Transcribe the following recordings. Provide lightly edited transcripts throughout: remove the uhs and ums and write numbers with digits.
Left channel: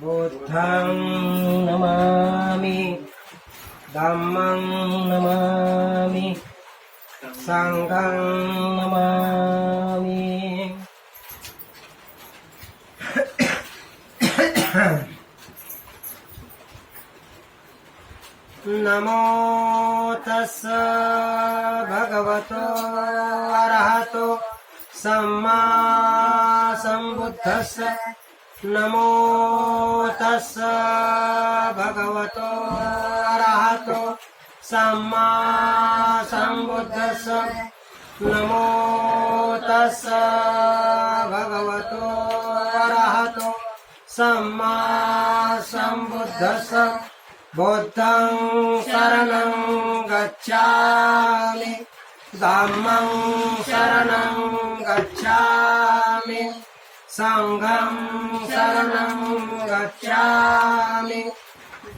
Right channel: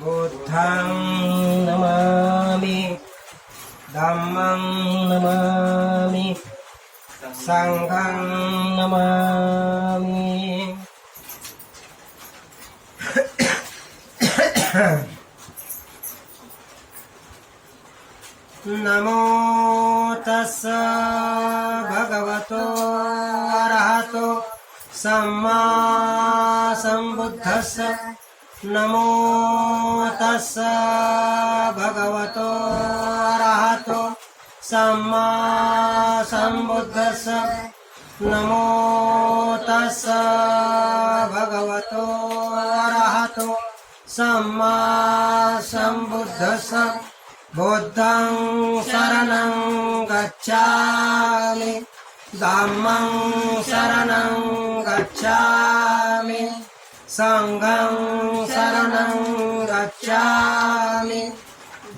बुद्धं नमामि धम्मं नमामि संघं नमामि। नमो तस्स भगवतो अरहतो सम्मा सम्बुद्धस्स। नमो तस्स भगवतो अरहतो सम्मा सम्बुद्धस्स। नमो तस्स भगवतो अरहतो सम्मा सम्बुद्धस्स। बुद्धं शरणं गच्छामि धम्मं शरणं गच्छामि संघं शरणं गच्छामि।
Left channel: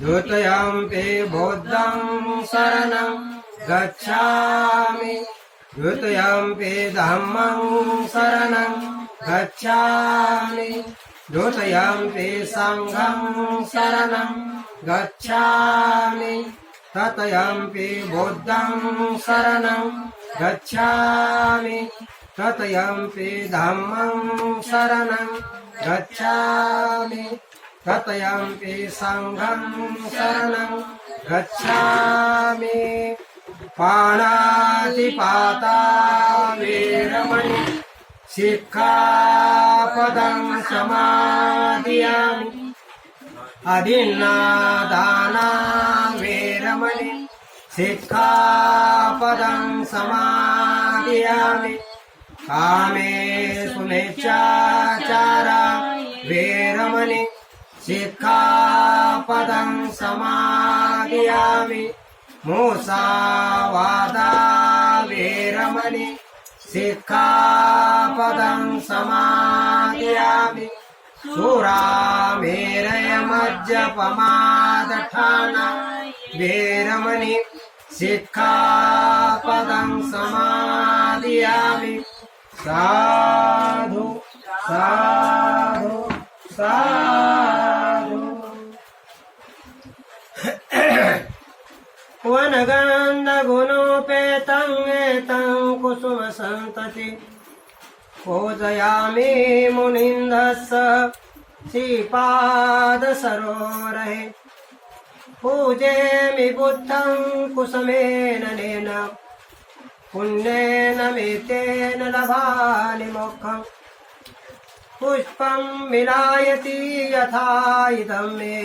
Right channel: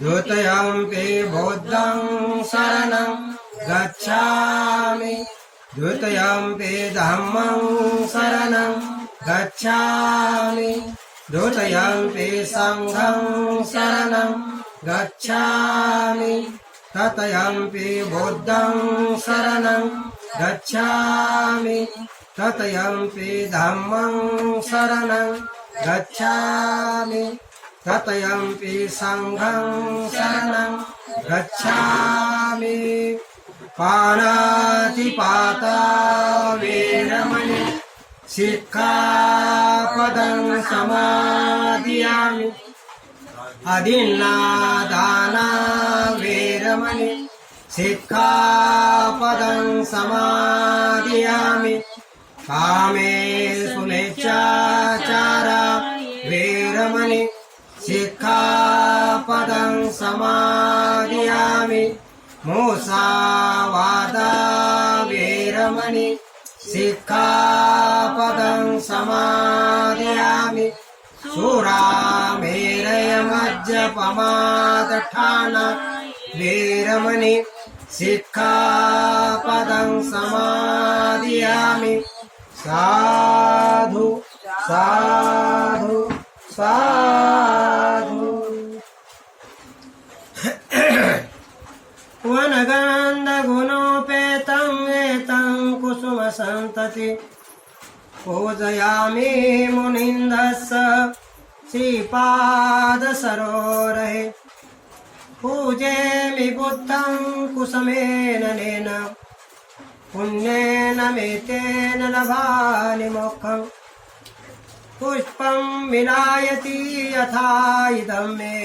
द्वितीयम्पि बुद्धं शरणं गच्छामि द्वितीयम्पि धम्मं शरणं गच्छामि द्वितीयम्पि संघं शरणं गच्छामि। तृतीयम्पि बुद्धं शरणं गच्छामि तृतीयम्पि धम्मं शरणं गच्छामि तृतीयम्पि संघं शरणं गच्छामि। पाणातिपाता वेरमणि सिक्खापदं समादियामि। अदिन्नादाना वेरमणि सिक्खापदं समादियामि। कामेषु मिथ्याचारा वेरमणि सिक्खापदं समादियामि। मुसावादा वेरमणि सिक्खापदं समादियामि। सुरामेरयमज्जपमादठाना वेरमणि सिक्खापदं समादियामि। साधु साधु साधु। वनगन्धगुणोपेतं एतं कुसुमसन्तति पूजयामि मुनिन्दस्य श्रीपादसरोरहे। पूजेमि बुद्धं कुसुमेन नेन पुण्येन मेतेन लभामि मोक्षम्। पुष्पं विलायति यथा इदं मे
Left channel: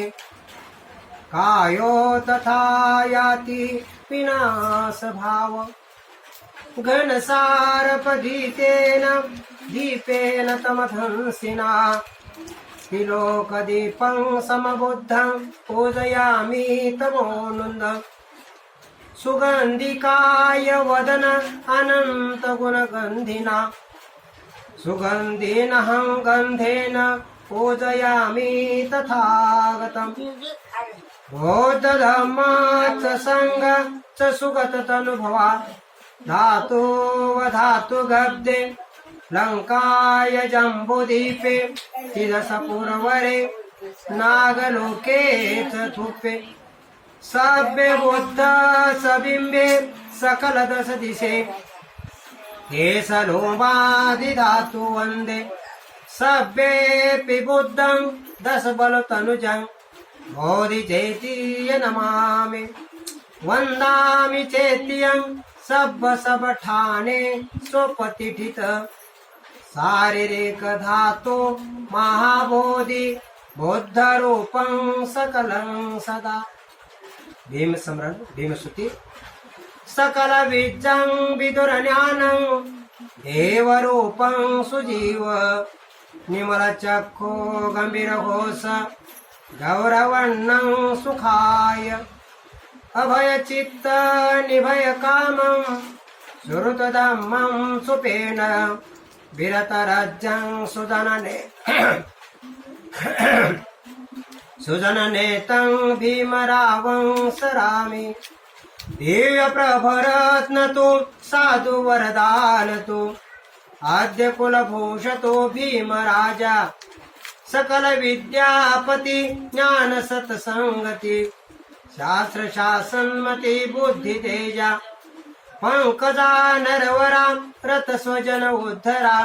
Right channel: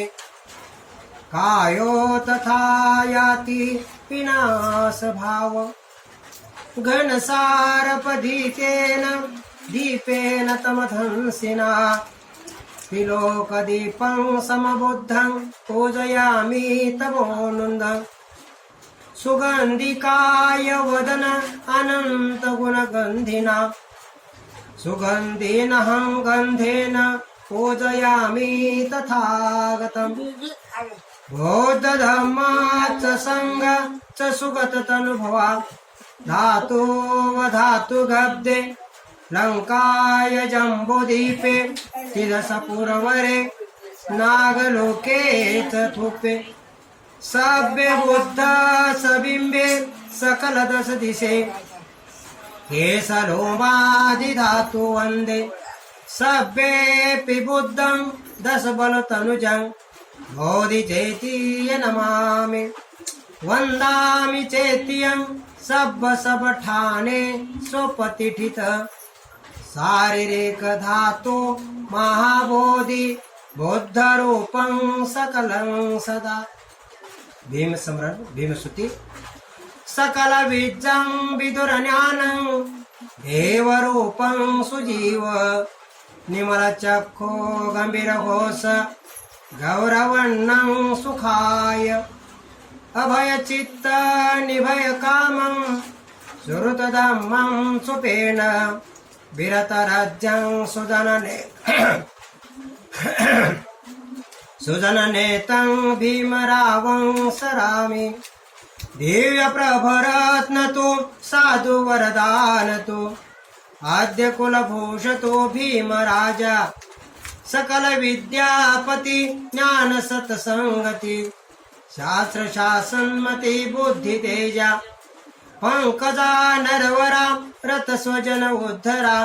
कायो तथा याति विनाशभाव। घनसारपदीतेन दीपेन तमधंसिना तिलोकदीपं समबुद्धं पूजयामि तमोनुन्दम्। सुगन्धिकाय वदन अनन्तगुणगन्धिना सुगन्धिनहं गन्धेन पूजयामि तथागतम्। बौद्धधम्मा च संघ च सुगततनुभवा धातुवधातुगब्दे लङ्काय जम्बूद्वीपे तिरसपुरवरे नागलोके च थुपे। सभ्ये बुद्ध सबिम्बे सकल दश दिशे केसलोमादिधातु वन्दे। सभ्येऽपि बुद्धं दश बलतनुजं बोधि चैतीय नमामि। वन्दामि चैत्यं सब्बठाने स्वपतिठित शारीरिक धातु महाबोधि बुद्धरूपं सकलं सदा। भीम स्मरण भीमस्तुति। सकल विज्जं विदुरज्ञानं देवरूपं सुजीव निर्मलचक्षो गम्भीरघोष गौरवर्णं सुखाय। अभयचित्त निभयकामं सुहृतधम्मं सुपेन विरतराज्यं सुजनने सुजननेतं भीमरावं सरामि। दिव्यप्रभरत्नतो साधुवरदानतो आद्य कुलभूषतो भीमराजा सकल विद्यापती ज्ञान सत्संगती शास्त्र शासनमती बुद्धी तेजा पंकजा नरवरा रथ स्वजन उद्धरा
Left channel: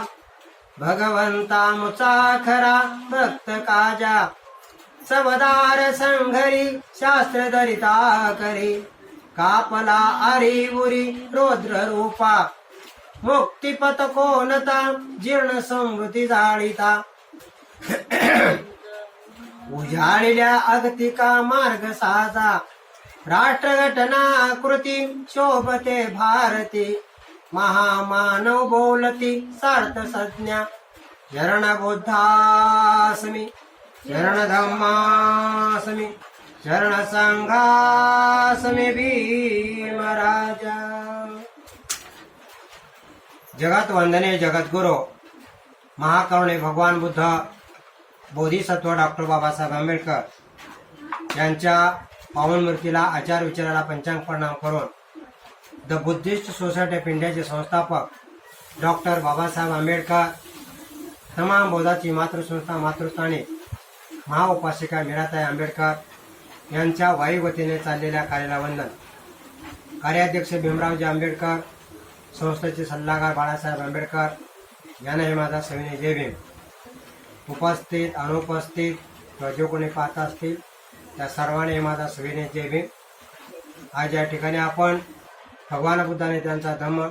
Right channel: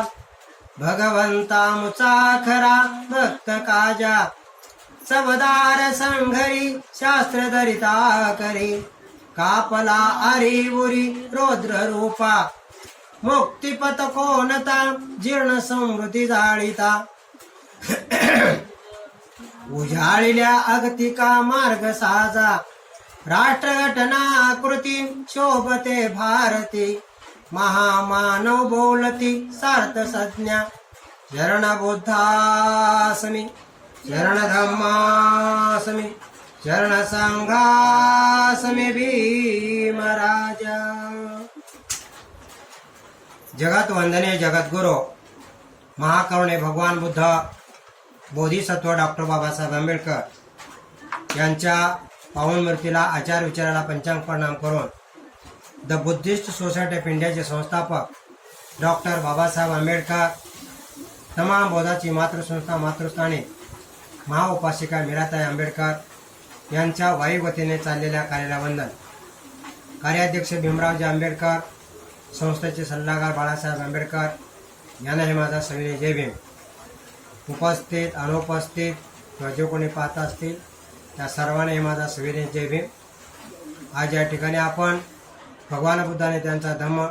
भगवंता मुचाखरा भक्त काजा सवदार संघरी शास्त्र दरिता करी कापला आरी उरी रौद्र रूपा मुक्तिपथ कोणता जीर्ण समृद्धी जाळीता उजाळल्या अगतिका मार्ग साजा राष्ट्रघटना कृती शोभते भारती महामानव बोलती सार्थ संज्ञा शरण बुद्धासमी शरण धम्मासमी शरण संघासमी भीमराजा. जगत वंदनीय जगद्गुरु महाकरुणे भगवान बुद्ध बोधिसत्व डॉक्टर बाबासाहेब आंबेडकर यांच्या पावन मूर्तीला आचार विचाराला पंचांग प्रणाम करून द बुद्धिस्ट सोसायटी ऑफ इंडियाचे संस्थापक डॉक्टर बाबासाहेब आंबेडकर, तमाम बौद्धाची मातृसंस्था मातृस्थानी महाउपासिका मीराताई आंबेडकर यांच्या वायुगतीने चाललेल्या कार्याला वंदन. कार्याध्यक्ष भीमरावजी आंबेडकर, संस्थेचे सल्लागार बाळासाहेब आंबेडकर यांनाही माझा सविनय जय भीम. उपस्थित अनुपस्थित किंवा जे कोणी पाहत असतील त्या सर्वांनी माझा सविनय जय भीम. आज या ठिकाणी आपण भगवान बुद्धाने त्यांचा धम्म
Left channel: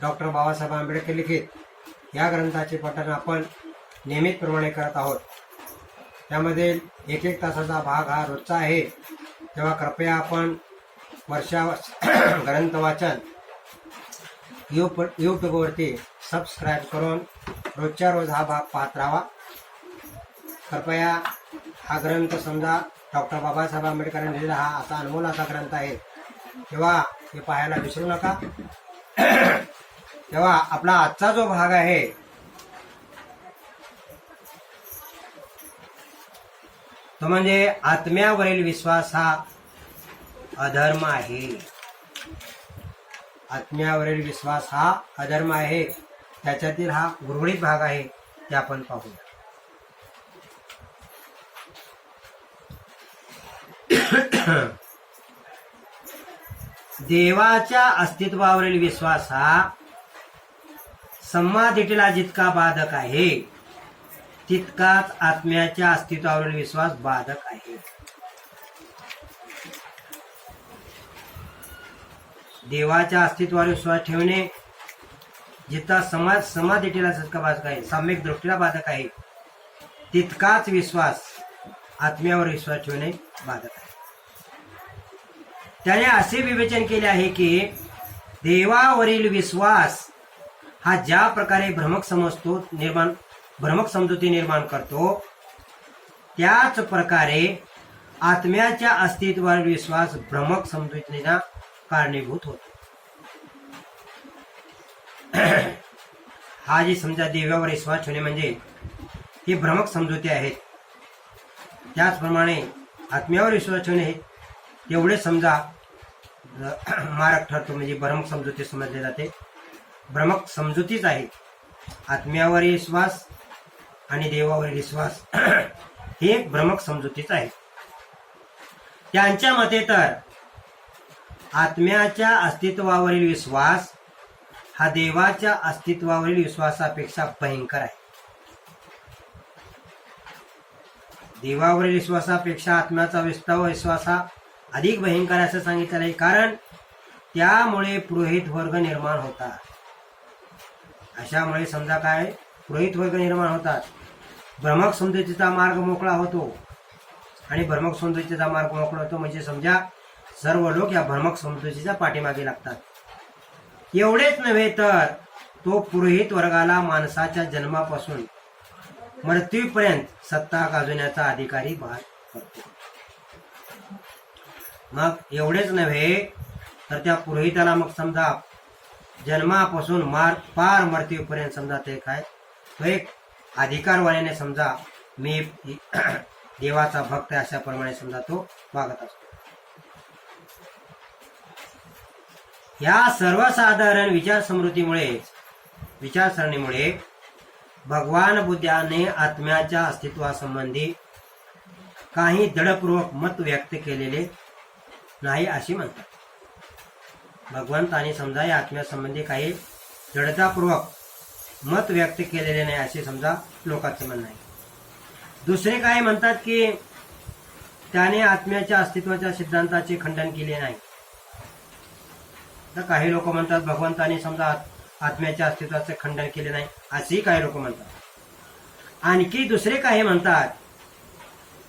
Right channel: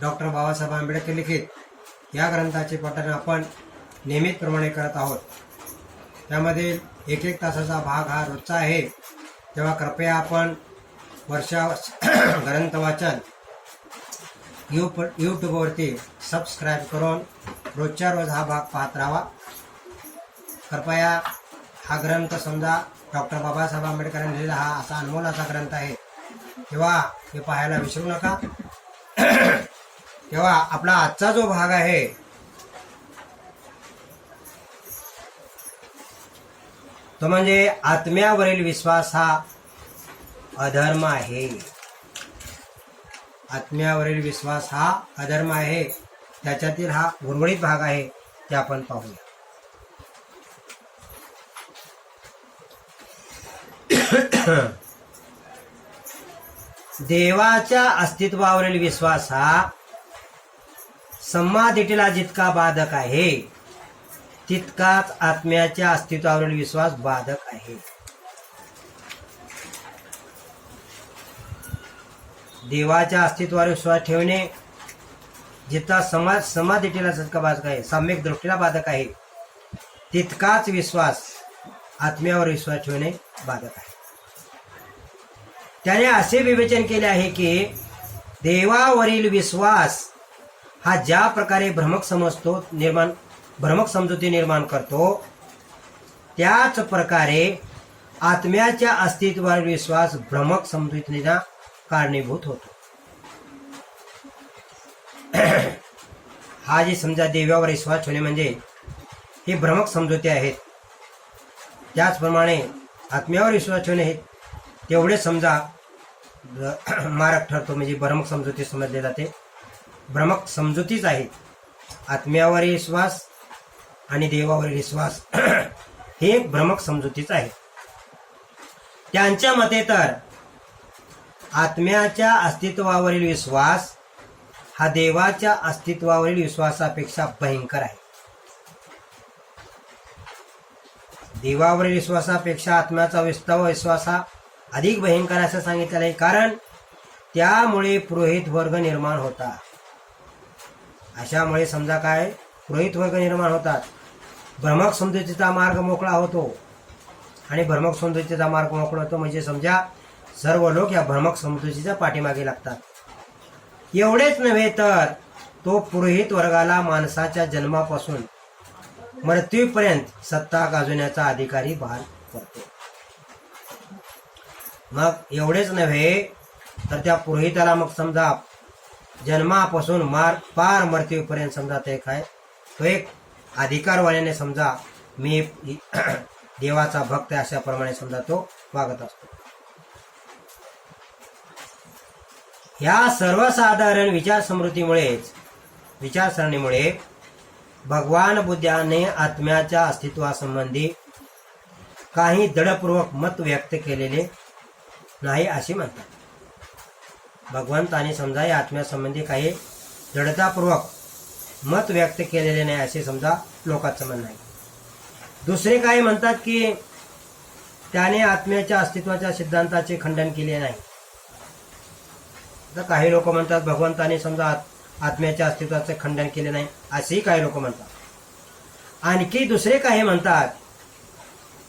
डॉक्टर बाबासाहेब आंबेडकर लिखित या ग्रंथाचे पठण आपण नियमितप्रमाणे करत आहोत. त्यामध्ये एक एक तासाचा भाग हा रोजचा आहे. तेव्हा कृपया आपण ग्रंथ वाचन यूट्यूबवरती सबस्क्राईब करून रोजच्या रोज हा भाग पाहत राहावा. कृपया हा ग्रंथ समजा डॉक्टर बाबासाहेब आंबेडकरांनी लिहिलेला हा असा अनमोल असा ग्रंथ आहे, तेव्हा हे पाहायला विसरू नका. तेव्हा आपला आजचा जो भाग आहे तो म्हणजे आत्म्यावरील विश्वास हा अधर्म आहे. आत्म्यावरील विश्वास हा अधर्म आहे. त्याच्यातील हा उर्वरित भाग आहे ते आपण पाहूया. देवाच्या अस्तित्वावरील विश्वास हा समाधीला जितका बाधक आहे तितकाच आत्म्याच्या अस्तित्वावरील विश्वास बाधक आहे. देवाच्या अस्तित्वावर विश्वास ठेवणे जितका समाधीला जितका बाधक आहे, सम्यक दृष्टीला बाधक आहे, तितकाच विश्वास आत्म्यावर विश्वास ठेवणे बाधक आहे. त्याने असे विवेचन केले आहे की देवावरील विश्वास हा ज्या प्रकारे भ्रमक समजुती निर्माण करतो त्याच प्रकारे आत्म्याच्या अस्तित्वावर विश्वास भ्रमक समजुतीला कारणीभूत होतो. हा जे समजा देवावर विश्वास ठेवणे म्हणजे हे भ्रमक समजुती आहेत. त्याचप्रमाणे आत्म्यावर विश्वास ठेवणे हे तेवढे समजा मारक ठरतो, म्हणजे भ्रमक समजुती समजले जाते. भ्रमक समजुतीच आहे. आत्म्यावर विश्वास आणि देवावरील विश्वास हे भ्रमक समजुतीच आहे. त्यांच्या मते तर आत्म्याच्या अस्तित्वावरील विश्वास हा देवाच्या अस्तित्वावरील विश्वासापेक्षा भयंकर आहे. देवावरील विश्वासापेक्षा आत्म्याचा विश्वास हा अधिक भयंकर असं सांगितलेलं आहे. कारण त्यामुळे पुरोहित वर्ग निर्माण होतात. अशामुळे समजा काय पुरोहित वर्ग निर्माण होतात. भ्रमक समजुतीचा मार्ग मोकळा होतो. आणि भ्रमक समजुतीचा मार्ग मोकळा होतो म्हणजे समजा सर्व लोक या भ्रमक समजुतीच्या पाठीमागे लागतात. एवढेच नव्हे तर तो पुरोहित वर्गाला माणसाच्या जन्मापासून मृत्यूपर्यंत सत्ता गाजवण्याचा अधिकारी भार करतो. मग एवढेच नव्हे तर त्या पुरोहिताला मग समजा जन्मापासून पार मृत्यूपर्यंत समजा ते काय तो एक अधिकारवाल्याने समजा मी देवाचा भक्त अशाप्रमाणे समजा तो वागत असतो. ह्या सर्वसाधारण विचारसरणीमुळे भगवान बुद्धाने आत्म्याच्या अस्तित्वासंबंधी काही दृढपूर्वक मत व्यक्त केलेले नाही असे म्हणतात। भगवंताने समजा या आत्म्यासंबंधी काही दृढतापूर्वक मत व्यक्त केलेले नाही असे समजा लोकांचं म्हणणं आहे। दुसरे काय म्हणतात की त्याने आत्म्याच्या अस्तित्वाच्या सिद्धांताचे खंडन केले नाही। तर काही लोक म्हणतात भगवंताने समजा आत्म्याच्या अस्तित्वाचे खंडन केले नाही असेही काही लोक म्हणतात। आणखी दुसरे काही म्हणतात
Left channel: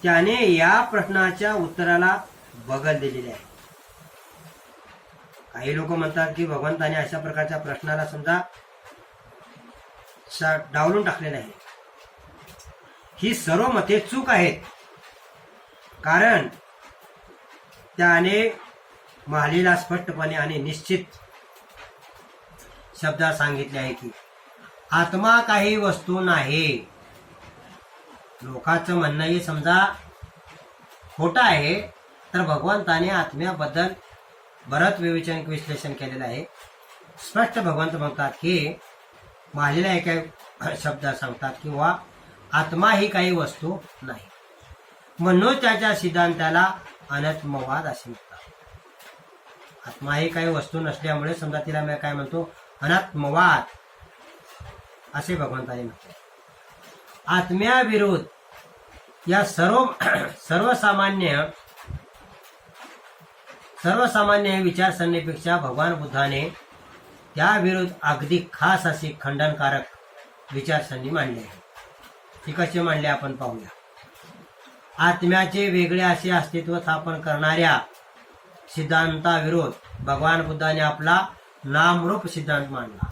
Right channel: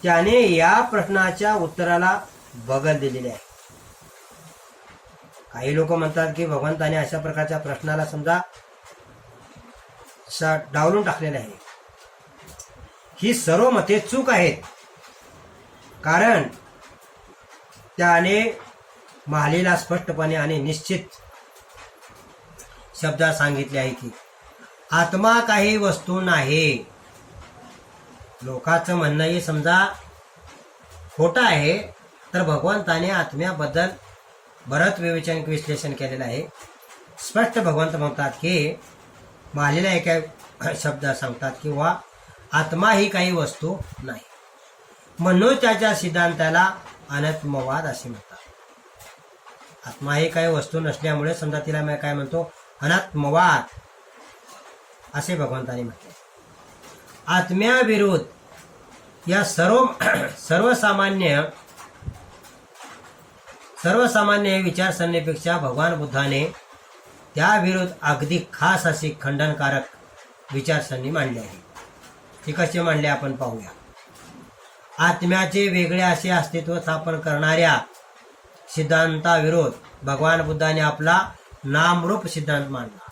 त्याने या प्रश्नाच्या उत्तराला बगल दिलेले आहे। काही लोक म्हणतात की भगवंताने अशा प्रकारच्या प्रश्नाला समजा डावलून टाकलेले आहे। ही सर्व मते चूक आहेत, कारण त्याने महालीला स्पष्टपणे आणि निश्चित शब्दात सांगितले आहे की आत्मा काही वस्तू नाही। लोकांचं म्हणणंही समजा खोटं आहे, तर भगवंताने आत्म्याबद्दल बरंच विश्लेषण केलेलं आहे। स्पष्ट भगवंत म्हणतात की महालीला एका शब्दात सांगतात किंवा आत्मा ही काही वस्तू नाही, म्हणून त्याच्या सिद्धांताला अनात्मवाद असे म्हणतात। आत्मा ही काही वस्तू नसल्यामुळे समजा तिला मी काय म्हणतो अनात्मवाद असे भगवंताने म्हटले। आत्म्याविरुद्ध या सर्वसामान्य विचारसरणीपेक्षा भगवान बुद्धाने त्याविरुद्ध अगदी खास अशी खंडनकारक विचारसरणी मांडली आहे। ती कशी मांडली आपण पाहूया। आत्म्याचे वेगळे असे अस्तित्व स्थापन करणाऱ्या सिद्धांताविरोध भगवान बुद्धाने आपला नामरूप सिद्धांत मांडला।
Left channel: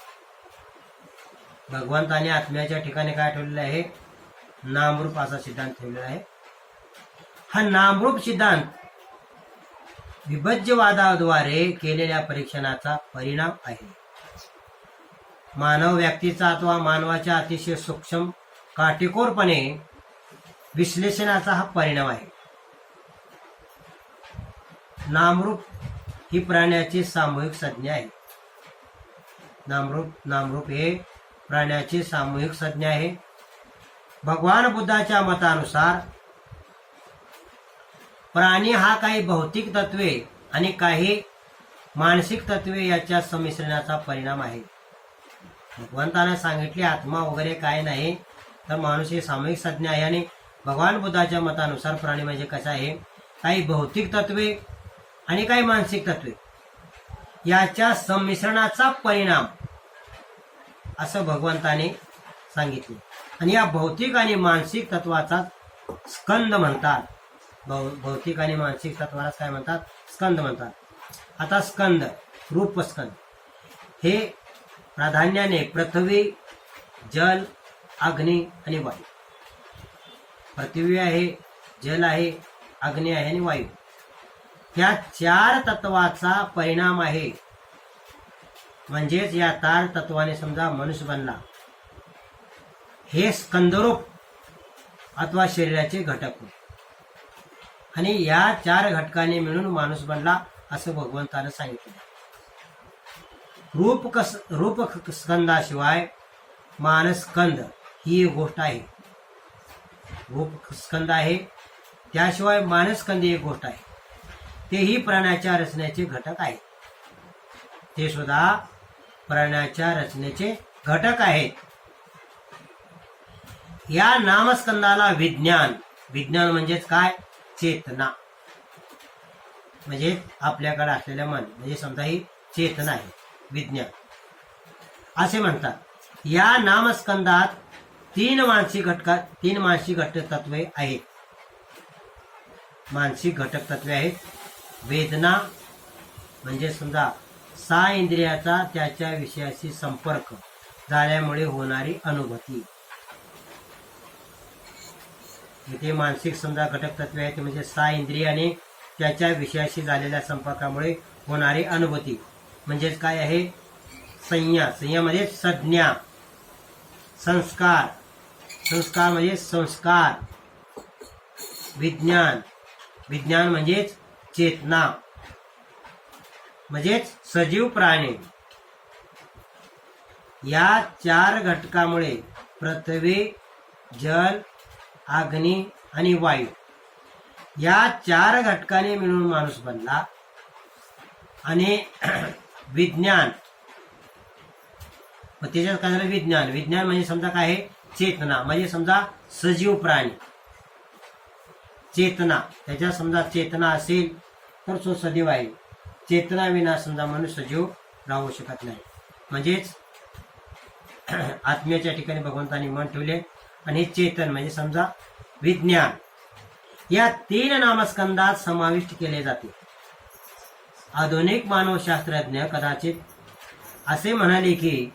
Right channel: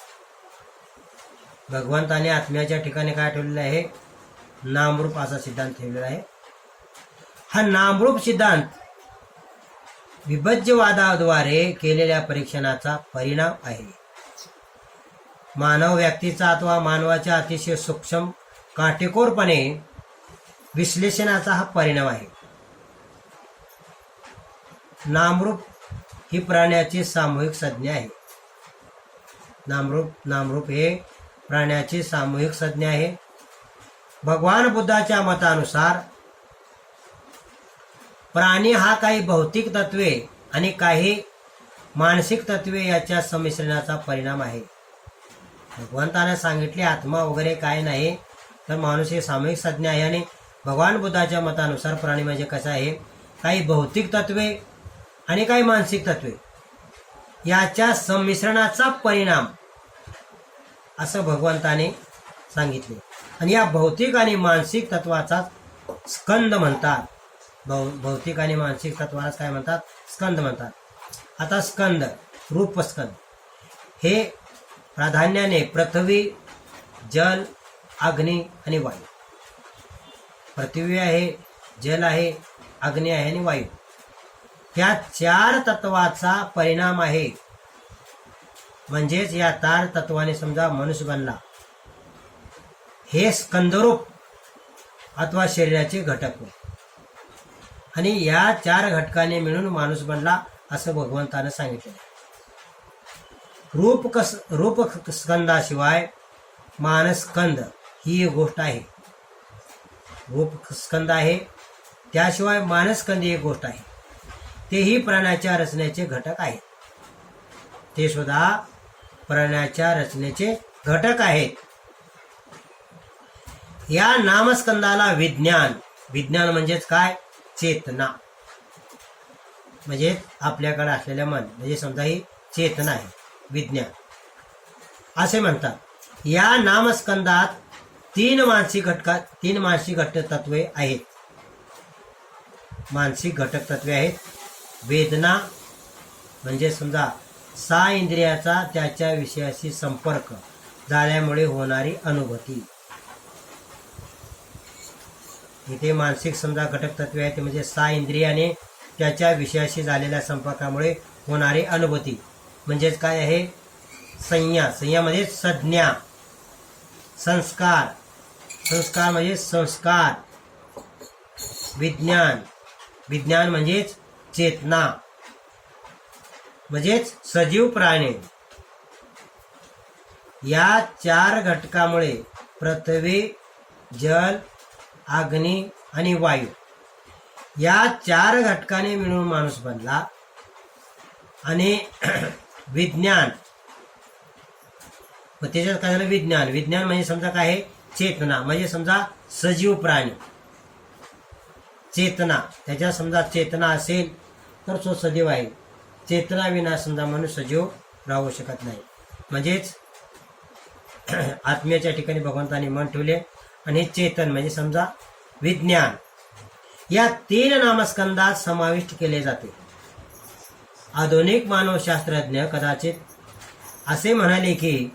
भगवंताने आत्म्याच्या ठिकाणी काय ठेवलेलं आहे? नामरूप असा सिद्धांत ठेवलेला आहे। हा नामरूप सिद्धांत विभज्यवादाद्वारे केलेल्या परीक्षणाचा परिणाम आहे। मानव व्यक्तीचा अथवा मानवाच्या अतिशय सूक्ष्म काटेकोरपणे विश्लेषणाचा हा परिणाम आहे। नामरूप ही प्राण्याची सामूहिक संज्ञा आहे। नामरूप हे प्राण्याची सामूहिक संज्ञा आहे। भगवान बुद्धाच्या मतानुसार प्राणी हा काही भौतिक तत्वे आणि काही मानसिक तत्वे याच्या संमिश्रणाचा परिणाम आहे। भगवंताने सांगितले आत्मा वगैरे काय नाही, तर माणूस ही सामूहिक संज्ञा आहे। आणि भगवान बुद्धाच्या मतानुसार प्राणी म्हणजे कसं आहे? काही भौतिक तत्वे आणि काही मानसिक तत्वे याच्या संमिश्रणाचा परिणाम असं भगवंताने सांगितले। आणि या भौतिक आणि मानसिक तत्वाचा स्कंद म्हणतात। भौतिक आणि मानसिक तत्वाला काय म्हणतात? स्कंद म्हणतात। आता स्कंद, रूपस्कंद हे प्राधान्याने पृथ्वी, जल, अग्नी आणि वायू। पृथ्वी आहे, जल आहे, अग्नी आहे आणि वायू, ह्या चार तत्वाचा परिणाम आहे। म्हणजेच या चार तत्वाने समजा मनुष्य बनला, हे स्कंदरूप अथवा शरीराचे घटक होय। आणि या चार घटकांनी मिळून माणूस बनला असं भगवंतानं सांगितलं। रूप स्कंदाशिवाय मानस्कंद ही एक गोष्ट आहे। रूप स्कंद आहे, त्याशिवाय मानस्कंद ही एक गोष्ट आहे। तेही प्राण्याच्या रचनेचे घटक आहेत। ते सुद्धा प्राण्याच्या रचनेचे घटक आहेत। या नामस्कंदाला विज्ञान म्हणजेच काय? चेतना, म्हणजे आपल्याकडे असलेलं मन, म्हणजे समजा ही चेतना आहे, विज्ञान असे म्हणतात। या नामस्कंदात तीन मानसिक घटक तत्वे आहेत। मानसिक घटक तत्वे आहेत वेदना, म्हणजे समजा सहा इंद्रियाचा त्याच्या विषयाशी संपर्क झाल्यामुळे होणारी अनुभूती। इथे मानसिक समजा घटक तत्वे आहेत, म्हणजे सहा इंद्रियाने त्याच्या विषयाशी झालेल्या संपर्कामुळे होणारी अनुभूती। म्हणजेच काय आहे? संज्ञा म्हणजे संज्ञा, संस्कार म्हणजे संस्कार, विज्ञान म्हणजेच चेतना, म्हणजेच सजीव प्राणी। या चार घटकामुळे पृथ्वी, जल, अग्नी आणि वायू या 4 घटकाने मिळून माणूस बनला. आणि विज्ञान, मग त्याच्यात काय झालं? विज्ञान. विज्ञान म्हणजे समजा काय आहे? चेतना. म्हणजे समजा सजीव प्राणी, चेतना. त्याच्यात समजा चेतना असेल तर तो सजीव आहे. चेतना विना समजा मनुष्य सजीव राहू शकत नाही. म्हणजेच आत्म्याच्या ठिकाणी भगवंतांनी मन ठेवले. आणि चेतन म्हणजे समजा विज्ञान या 3 नामस्कंदात समाविष्ट केले जाते. आधुनिक मानवशास्त्रज्ञ कदाचित असे म्हणाले की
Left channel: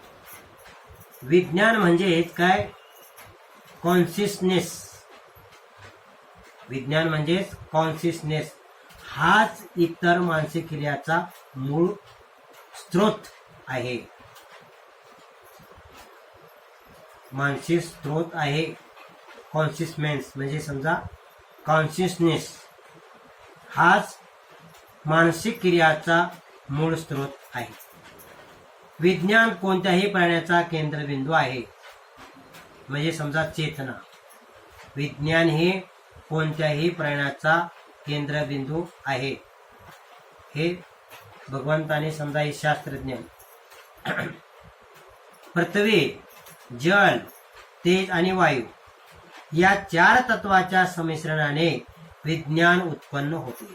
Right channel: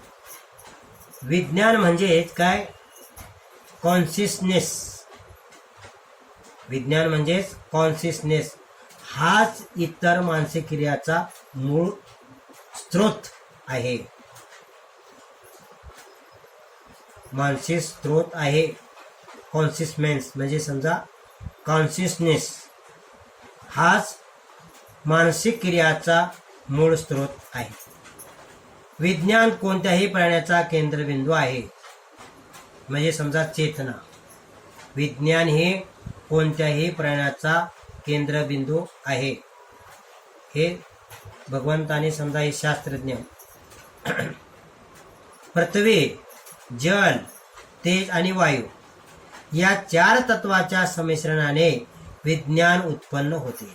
विज्ञान म्हणजेच काय? कॉन्शियसनेस. विज्ञान म्हणजेच कॉन्शियसनेस. हाच इतर मानसिक क्रियाचा मूळ स्रोत आहे. मानसिक स्रोत आहे. कॉन्शियसनेस म्हणजे समजा कॉन्शियसनेस हाच मानसिक क्रियाचा मूळ स्रोत आहे. विज्ञान कोणत्याही प्राण्याचा केंद्रबिंदू आहे. म्हणजे समजा चेतना. विज्ञान हे कोणत्याही प्राण्याचा केंद्रबिंदू आहे. हे भगवंताने समजा हे शास्त्रज्ञ. पृथ्वी, जल, तेज आणि वायू या 4 तत्वाच्या संमिश्रणाने विज्ञान उत्पन्न होते.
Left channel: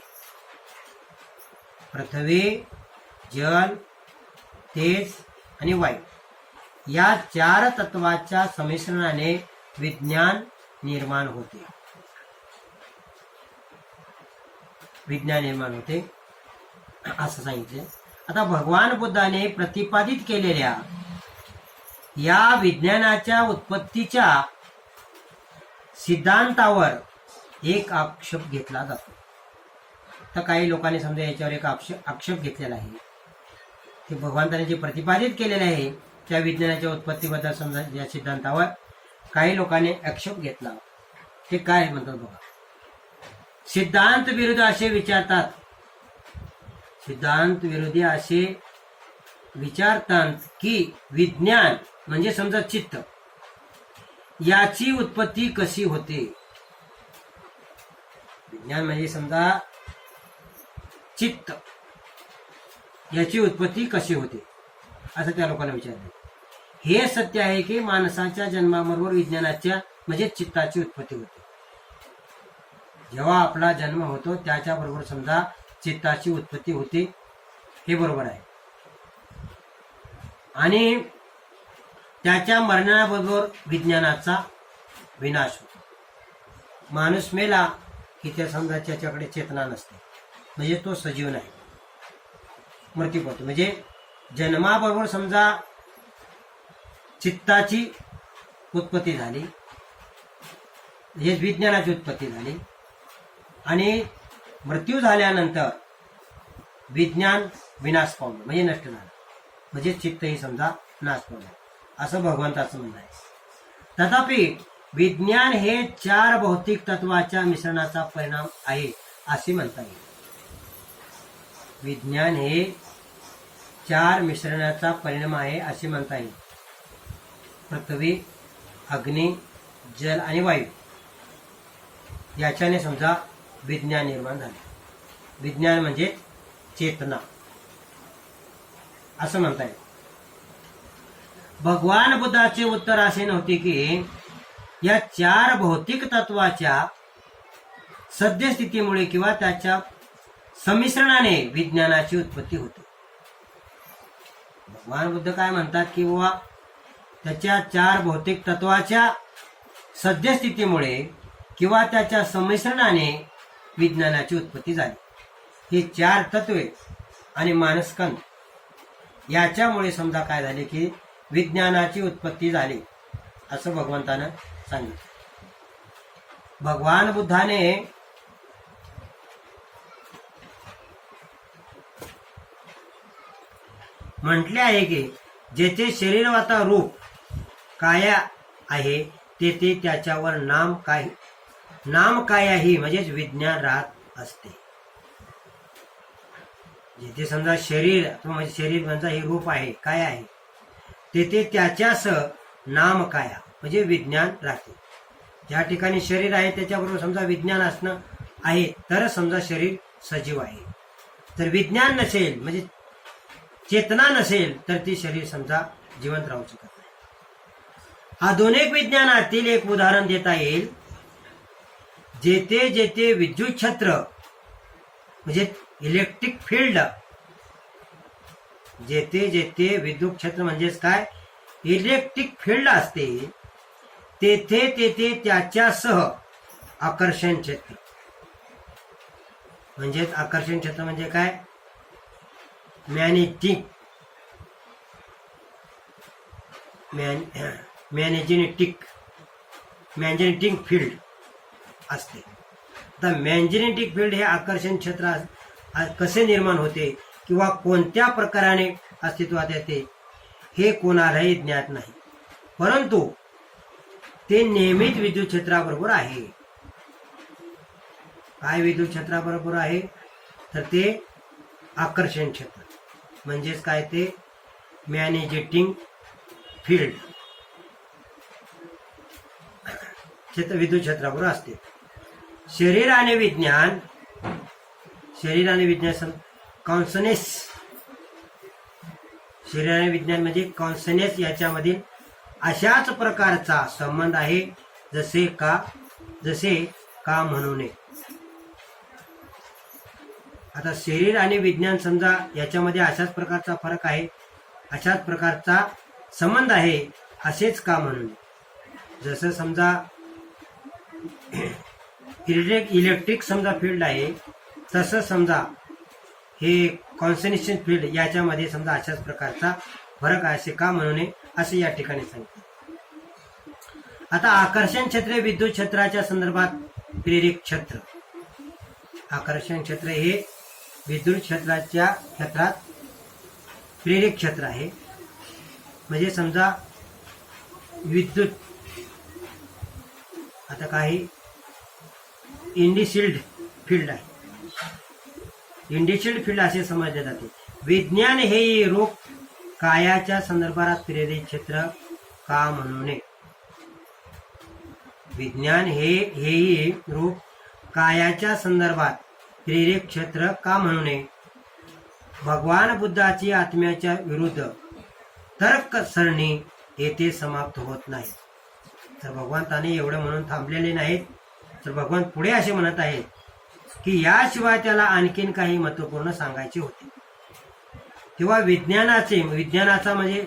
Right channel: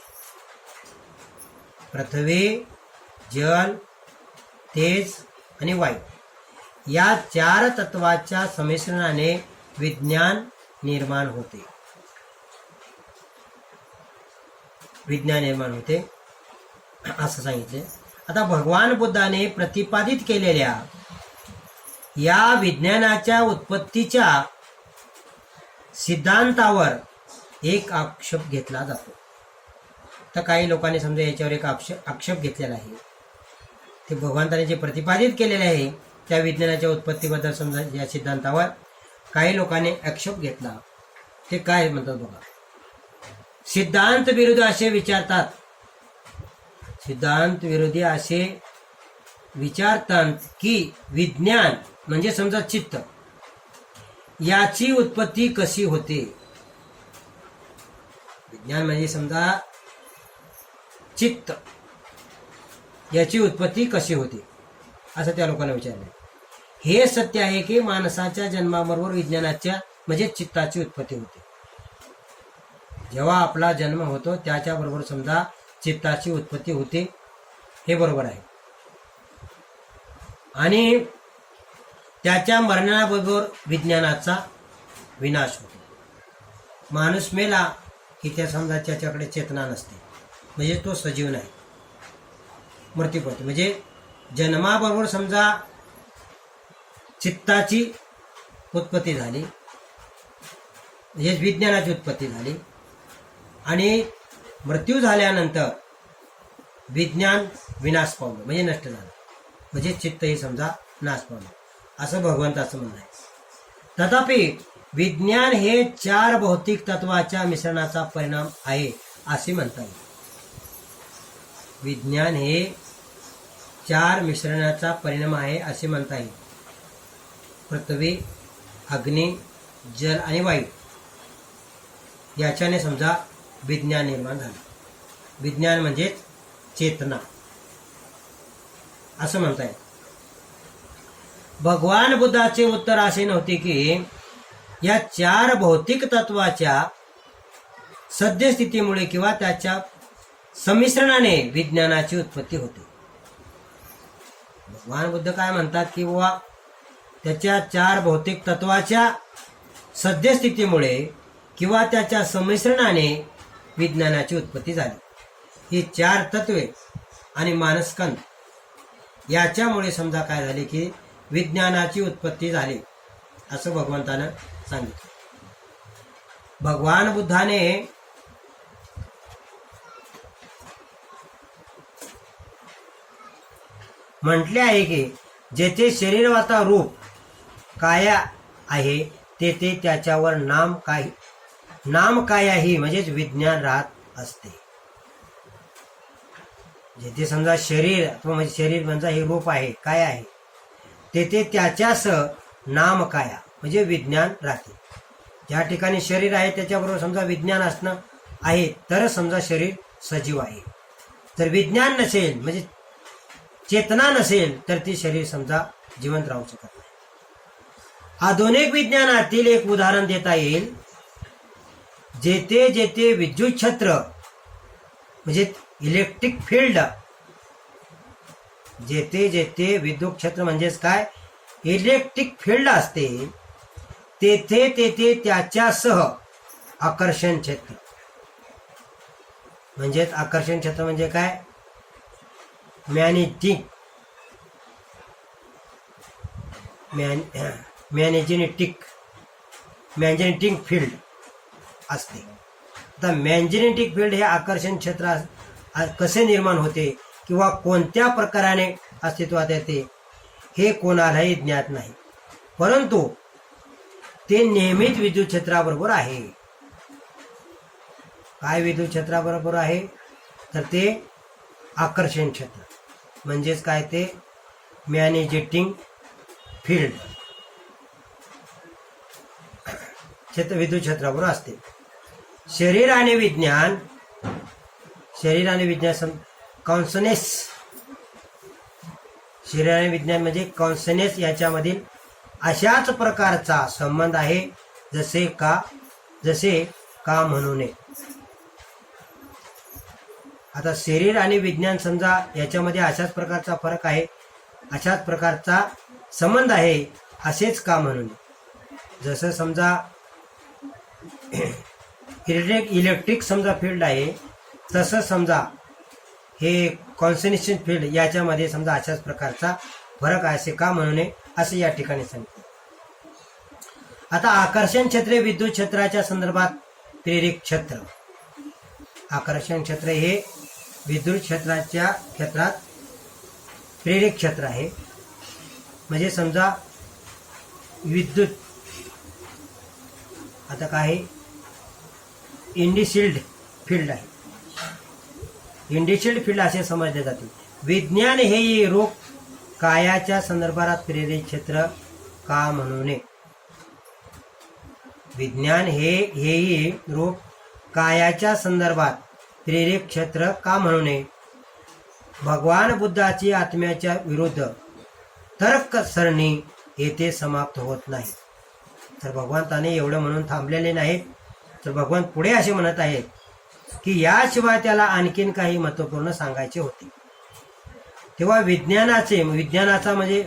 पृथ्वी, जल, तेज आणि वायू या 4 तत्वाच्या संमिश्रणाने विज्ञान निर्माण होते. विज्ञान निर्माण होते असं सांगितले. आता भगवान बुद्धाने प्रतिपादित केलेल्या या विज्ञानाच्या उत्पत्तीच्या सिद्धांतावर एक आक्षेप घेतला जातो. तर काही लोकांनी समजा याच्यावर एक आक्षेप घेतलेला आहे. ते भगवंताने जे प्रतिपादित केलेले आहे त्या विज्ञानाच्या उत्पत्तीबद्दल समजा या सिद्धांतावर काही लोकांनी आक्षेप घेतला. ते काय म्हणतात बघा. सिद्धांत विरोधी असे विचारतात. सिद्धांत विरोधी असे विचारतात की विज्ञान म्हणजे समजा चित्त याची उत्पत्ती कशी होते. विज्ञान म्हणजे समजा चित्त याची उत्पत्ती कशी होते असं त्या लोकांना विचारले. हे सत्य आहे की माणसाच्या जन्माबरोबर विज्ञानाच्या म्हणजे चित्ताची उत्पत्ती होते. जेव्हा आपला जन्म होतो त्याच्याबरोबर समजा चित्ताची उत्पत्ती होते. हे बरोबर आहे. आणि त्याच्या मरणाबरोबर विज्ञानाचा विनाश होतो. माणूस मेला की त्या समजा त्याच्याकडे चेतना नसते. म्हणजे तो सजीव नाही, मृत्यू पावतो. म्हणजे जन्माबरोबर समजा चित्ताची उत्पत्ती झाली म्हणजे विज्ञानाची उत्पत्ती झाली. आणि मृत्यू झाल्यानंतर विज्ञान विनाश पावलं म्हणजे नष्ट झालं. म्हणजे चित्तही समजा नाश पावलं असं भगवंताचं म्हणणं आहे. तथापि विज्ञान हे 4 भौतिक तत्वाच्या मिश्रणाचा परिणाम आहे असे म्हणता येईल. विज्ञान हे 4 मिश्रणाचा परिणाम आहे असे म्हणता येईल. पृथ्वी, अग्नी, जल आणि वायू याच्याने समजा विज्ञान निर्माण झाले. विज्ञान म्हणजे चेतना असं म्हणता येईल. भगवान बुद्धाचे उत्तर असे नव्हते की या 4 भौतिक तत्वाच्या सद्यस्थितीमुळे किंवा त्याच्या संमिश्रणाने विज्ञानाची उत्पत्ती होते. भगवान बुद्ध काय म्हणतात की बाबा त्याच्या 4 भौतिक तत्वाच्या सद्यस्थितीमुळे किंवा त्याच्या संमिश्रणाने विज्ञानाची उत्पत्ती झाली. ही 4 तत्वे आणि मानसकंद याच्यामुळे समजा काय झाले की विज्ञानाची उत्पत्ती झाली असं भगवंतानं सांगितलं. भगवान बुद्धाने म्हटले आहे की जेथे शरीरवाता रूप काया आहे तेथे त्याच्यावर नाम कायाही म्हणजेच विज्ञान राहत असते. जेथे समजा शरीर अथवा म्हणजे शरीर म्हणजे हे रूप आहे काय आहे तेथे त्याच्यास नाम काया म्हणजे विज्ञान राहते. ज्या ठिकाणी शरीर आहे त्याच्याबरोबर समजा विज्ञान असणं आहे तरच समजा शरीर सजीव आहे. जर विज्ञान नसेल म्हणजे चेतना नसेल तर ती शरीर समजा जिवंत राहू शकत नाही. आधुनिक विज्ञानातील एक उदाहरण देता येईल. जेथे जेथे विद्युत क्षेत्र म्हणजे इलेक्ट्रिक फील्ड, जेथे जेथे विद्युत क्षेत्र म्हणजेच काय इलेक्ट्रिक फील्ड असते तेथे तेथे त्याच्यासह आकर्षण क्षेत्र, म्हणजेच आकर्षण क्षेत्र म्हणजे काय मॅग्नेटिक फील्ड असते. आता मॅग्नेटिक फील्ड हे आकर्षण क्षेत्र कसे निर्माण होते किंवा कोणत्या प्रकाराने अस्तित्वात येते हे कोणालाही ज्ञात नाही, परंतु ते नेहमीच विद्युत क्षेत्राबरोबर आहे. काय विद्युत क्षेत्राबरोबर आहे तर ते आकर्षण क्षेत्र म्हणजेच काय ते मॅग्नेटिक फील्ड क्षेत्र विद्युत क्षेत्राबरोबर असते. शरीर आणि विज्ञान कॉन्सनेस, शरीर आणि विज्ञान म्हणजे कॉन्सनेस याच्यामधील अशाच प्रकारचा संबंध आहे जसे का म्हणू नये. आता शरीर आणि विज्ञान समजा याच्यामध्ये अशाच प्रकारचा फरक आहे, अशाच प्रकारचा संबंध आहे असेच का म्हणू नये. जसं समजा इलेक्ट्रिक समजा फील्ड आहे तसं समजा हे कॉन्सनेशन फील्ड याच्यामध्ये समजा अशाच प्रकारचा फरक आहे असे का म्हणू नये असे या ठिकाणी सांगितले. आता आकर्षण क्षेत्रे विद्युत क्षेत्राच्या संदर्भात प्रेरक क्षेत्र, आकर्षण क्षेत्र हे विद्युत क्षेत्रात प्रेरक क्षेत्र आहे. म्हणजे समजा विद्युत आता काय इंडिशिल्ड फील्ड आहे, इंडिशिल्ड फील्ड असे समजले जाते. विज्ञान हे रूप कायाच्या संदर्भात प्रेरक क्षेत्र का म्हणू नये. विज्ञान हेही रूप कायाच्या संदर्भात प्रेरक क्षेत्र का म्हणू नये. भगवान बुद्धाची आत्म्याच्या विरुद्ध तर्क सरणी येथे समाप्त होत नाही. तर भगवंताने एवढं म्हणून थांबलेले नाहीत, तर भगवान पुढे असे म्हणत आहेत की याशिवाय त्याला आणखीन काही महत्वपूर्ण सांगायचे होते. तेव्हा विज्ञानाचा म्हणजे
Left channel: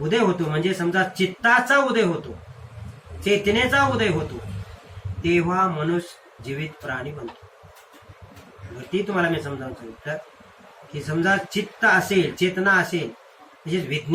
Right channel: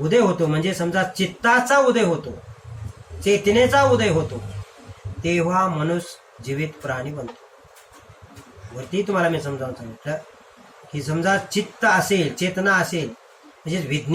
उदय होतो, म्हणजे समजा चित्ताचा उदय होतो, चेतनेचा उदय होतो, तेव्हा मनुष्य जीवित प्राणी बनतो. वरती तुम्हाला मी समजावून सांगितलं की समजा चित्त असेल, चेतना असेल म्हणजे विज्ञान